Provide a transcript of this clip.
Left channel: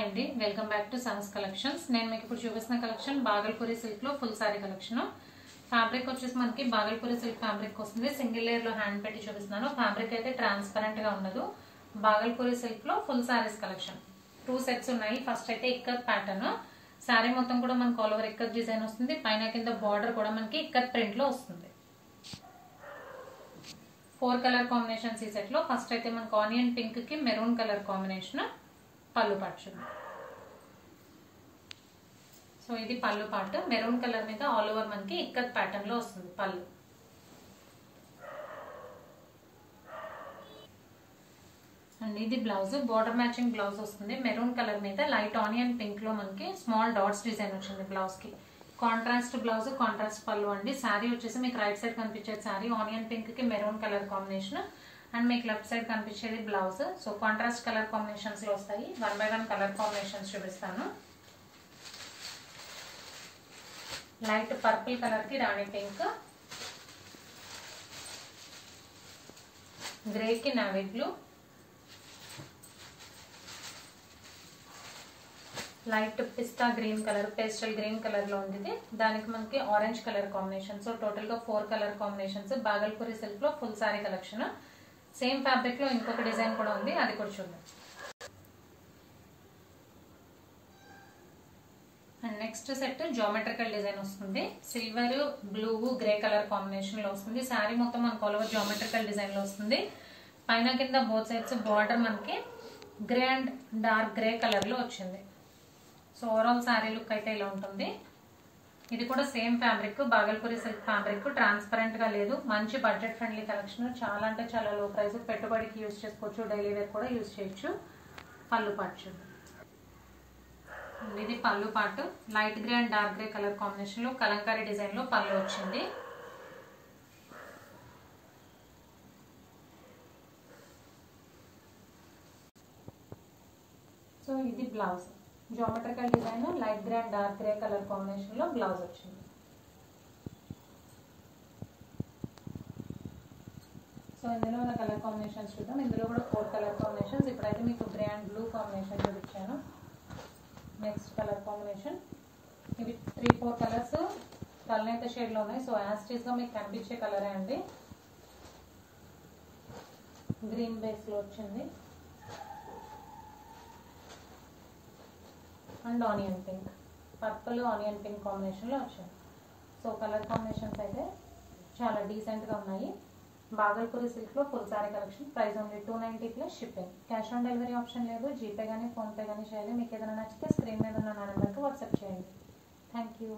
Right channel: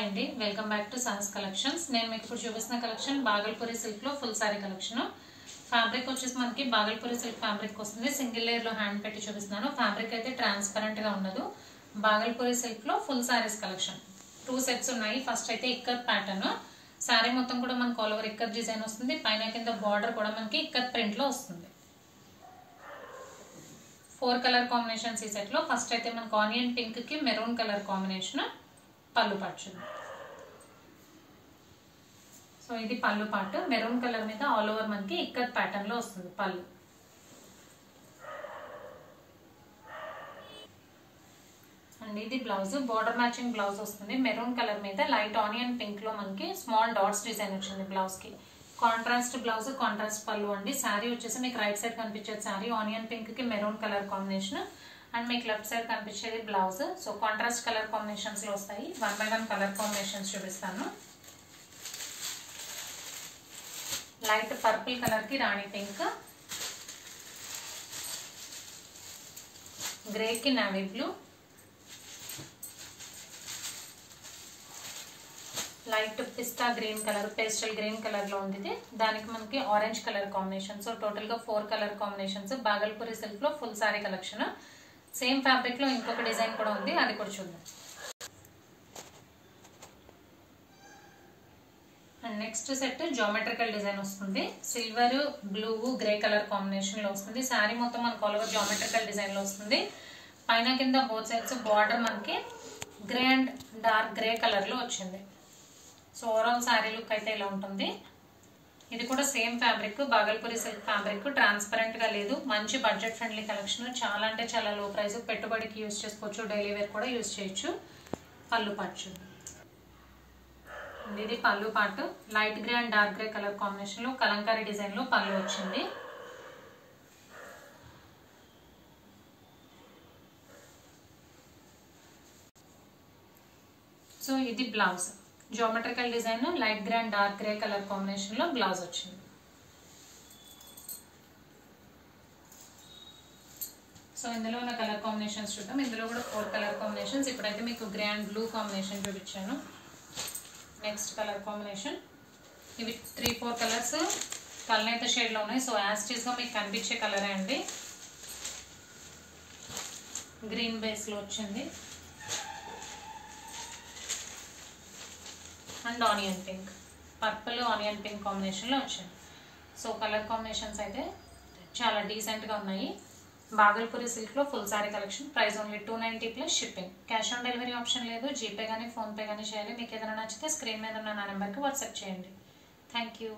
Hi అండి, welcome back to Sahas collections. నేను మీకు ఇప్పుడు చూపిస్తున్న కలెక్షన్ బాగల్పూరి సిల్క్ లో ఫుల్ సారీ కలెక్షన్. ఫ్యాబ్రిక్ వచ్చేసి మనకి బాగల్పూరి సిల్క్ ఫ్యాబ్రిక్ వస్తుంది. సింగిల్ లేయర్ లో హ్యాండ్ పెట్టి చూపిస్తున్నాను. ఫ్యాబ్రిక్ అయితే ట్రాన్స్పరెంట్ గా ఉండదు. బాగల్పూరి సిల్క్ లో ఫుల్ సారీస్ కలెక్షన్ 2 సెట్స్ ఉన్నాయి. ఫస్ట్ అయితే ఇక్కత్ ప్యాటర్న్ సారీ మొత్తం కూడా మనకు ఆల్ ఓవర్ ఇక్కత్ డిజైన్ వస్తుంది. పైన కింద బార్డర్ కూడా మనకి ఇక్కత్ ప్రింట్ లో వస్తుంది. 4 కలర్ కాంబినేషన్స్ ఈ సెట్ లో. ఫస్ట్ అయితే మనకు ఆనియన్ పింక్ కి మెరూన్ కలర్ కాంబినేషన్ పళ్ళు పాటు. సో ఇది పళ్ళు పాటు మెరూన్ కలర్ మీద ఆల్ ఓవర్ మనకి ఇక్కత్ ప్యాటర్న్ లో వస్తుంది పళ్ళు. అండ్ ఇది బ్లౌజ్, బోర్డర్ మ్యాచింగ్ బ్లౌజ్ వస్తుంది. మెరూన్ కలర్ మీద లైట్ ఆనియన్ పింక్ లో మనకి స్మాల్ డాట్స్ డిజైన్ వచ్చింది బ్లౌజ్ కి. కాంట్రాస్ట్ బ్లౌజ్, కాంట్రాస్ట్ పళ్ళు అండి. శారీ వచ్చేసి మీకు రైట్ సైడ్ కనిపించేది శారీ ఆనియన్ పింక్ కి మెరూన్ కలర్ కాంబినేషన్. అండ్ మీకు లెఫ్ట్ సైడ్ కనిపించేది blouse. So contrast colour combinations లో వస్తాయి. 1 by 1 కలర్ కాంబినేషన్స్ చూపిస్తాను. లైట్ పర్పుల్ కలర్ కి రాణి పింక్, గ్రే కి navy blue, light pista green colour, pastel green colour లో ఉంది. దానికి మనకి orange colour combination. So total గా 4 కలర్ కాంబినేషన్స్. బాగల్పూరి సిల్క్ లో full saree collection. Same fabric లో ఇంకొక డిజైన్ కూడా ఉంది, అది కూడా చూద్దాం. And next set geometrical design వస్తుంది. Silver, blue, grey colour combination లో వస్తుంది. శారీ మొత్తం మనకు ఆల్ ఓవర్ జామెట్రికల్ డిజైన్ లో వస్తుంది. పైన కింద బోత్ సైడ్స్ బార్డర్ మనకి grey and dark grey colour లో వచ్చింది. సో ఓవరాల్ శారీ లుక్ అయితే ఇలా ఉంటుంది. ఇది కూడా same fabric, Bhagalpuri silk fabric. Transparent గా లేదు. మంచి బడ్జెట్ ఫ్రెండ్లీ కలెక్షన్. చాలా అంటే చాలా లో ప్రైస్. పెట్టుబడికి యూజ్ చేసుకోవచ్చు, డైలీ వేర్ కూడా యూజ్ చేయొచ్చు. పళ్ళు పాటు ఇది పళ్ళు పాటు light grey and dark grey colour combination లో కలంకారీ డిజైన్ లో పళ్ళు వచ్చింది. సో ఇది blouse, geometrical design light grey and dark grey colour combination లో బ్లౌజ్ వచ్చింది. సో ఇందులో ఉన్న కలర్ కాంబినేషన్స్ చూద్దాం. ఇందులో కూడా 4 కలర్ కాంబినేషన్స్. ఇప్పుడైతే మీకు గ్రే అండ్ బ్లూ కాంబినేషన్ చూపించాను. Next colour combination. ఇవి 3-4 కలర్స్ కలనేత షేడ్ లో ఉన్నాయి. సో యాజ్ టీజ్ గా మీకు కనిపించే కలరే అండి. గ్రీన్ బేస్ లో వచ్చింది and onion pink, purple onion pink combination లో వచ్చింది. సో కలర్ కాంబినేషన్స్ అయితే చాలా డీసెంట్ గా ఉన్నాయి. బాగల్పూరి సిల్క్ లో full saree collection. Price only 290 plus shipping. Cash on delivery option లేదు. జీపే కానీ ఫోన్ పే కానీ చేయాలి. మీకు ఏదైనా నచ్చితే స్క్రీన్ మీద ఉన్న నా నెంబర్కి వాట్సాప్ చేయండి. Thank you.